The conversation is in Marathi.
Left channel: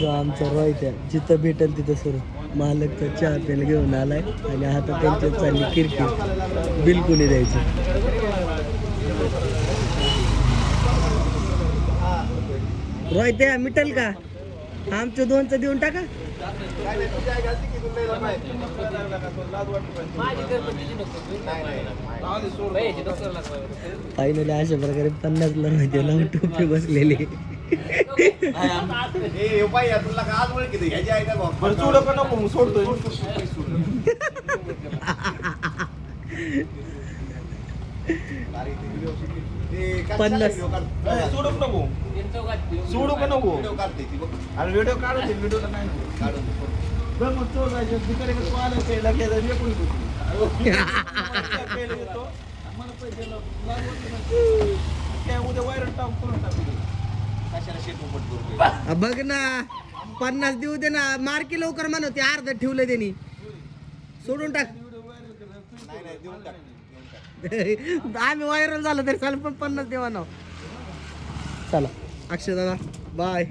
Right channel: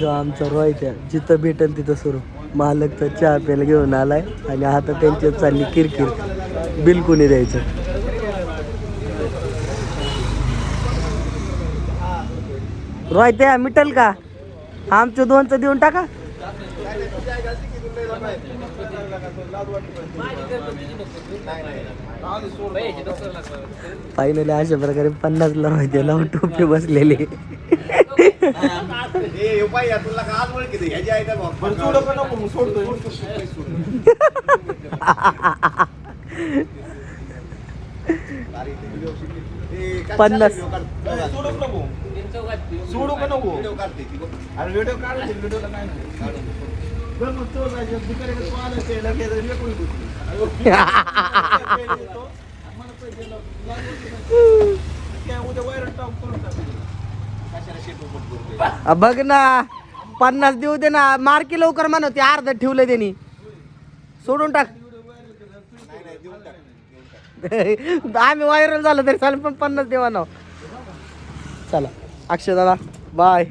जो आमचा रोहित जिथं भेटेल तिथं सुरू मालकचा चहा प्यायला घेऊन आलाय आणि आता त्यांच्या चालली किरकिर बिल कोणी द्यायचं. रोहित मिटल का आमचं 2चं देऊन टाका. फायनली अशा प्रकारे 50ला रोहित लावून टोपी बसलेली. सोडू का नको अरे व्हिडिओ काढू व्हिडिओला काय बघ ना 50 देऊ दे ना मार्की लवकर म्हणा ते अर्ध ठेवलं त्यांनी सोडून टाक. आम्ही व्हायरल झालं तरी चालेल पण 50 देवा ना. चला अक्षय दादा बाय.